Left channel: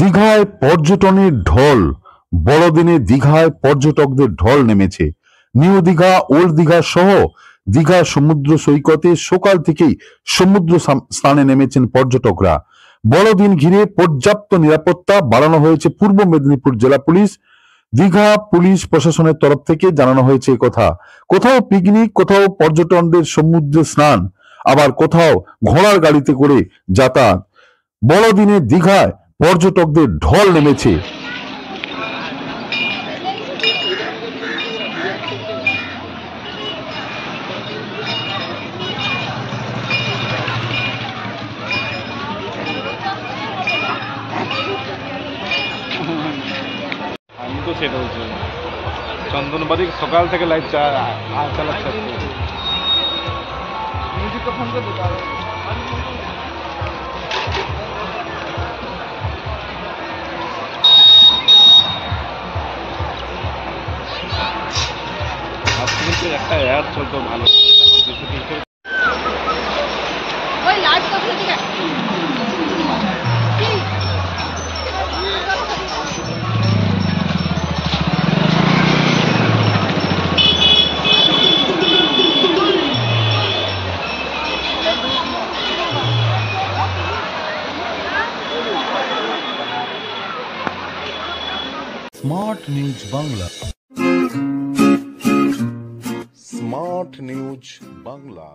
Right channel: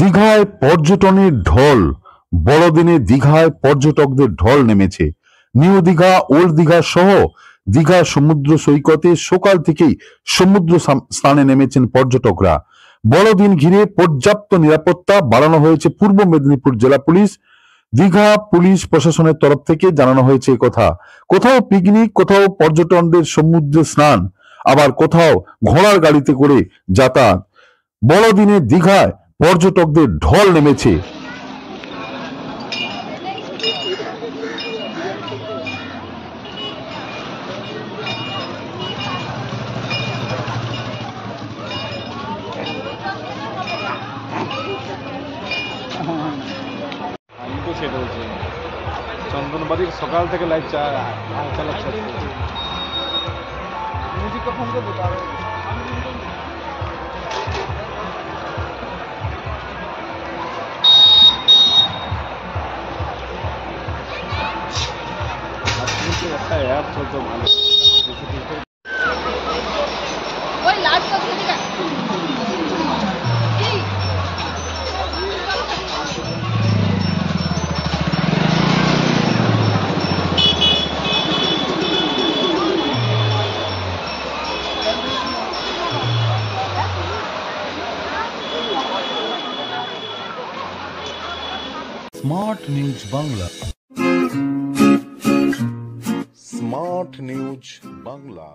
দীঘায় পর্যটনের ঢল। বড়দিনে দীঘায় পর্যটকদের ঢল নেমেছে। নিউ দীঘা, ওল্ড দীঘা সহ দীঘা সমুদ্র সৈকতে সকাল থেকেই সমুদ্র স্নানে নেমেছেন পর্যটকরা। বড়দিন ঘিরে পর্যাপ্ত নিরাপত্তা বাড়ানো হয়েছে পূর্ব মেদিনীপুর জেলা পুলিশ, দীঘা পুলিশ প্রশাসনের তরফ থেকে জানানো হয়েছে কথা। কোথাও পিকনিক, কোথাও পর্যটকদের সমুদ্রে স্নান, আবার কোথাও ঘোড়ার গাড়িতে করে যাতায়াত। বড়দিনে দীঘায় পর্যটকদের ঢল নেমেছে। আমি তো সেটা বলছি, চন্দনবাড়ির সকাল থেকে লাইট চালাচ্ছে। মিউজিকটা ফোন করবে তার একটা অ্যাড চলতো ভালো। Smart news Bangla. Smart news Bangla.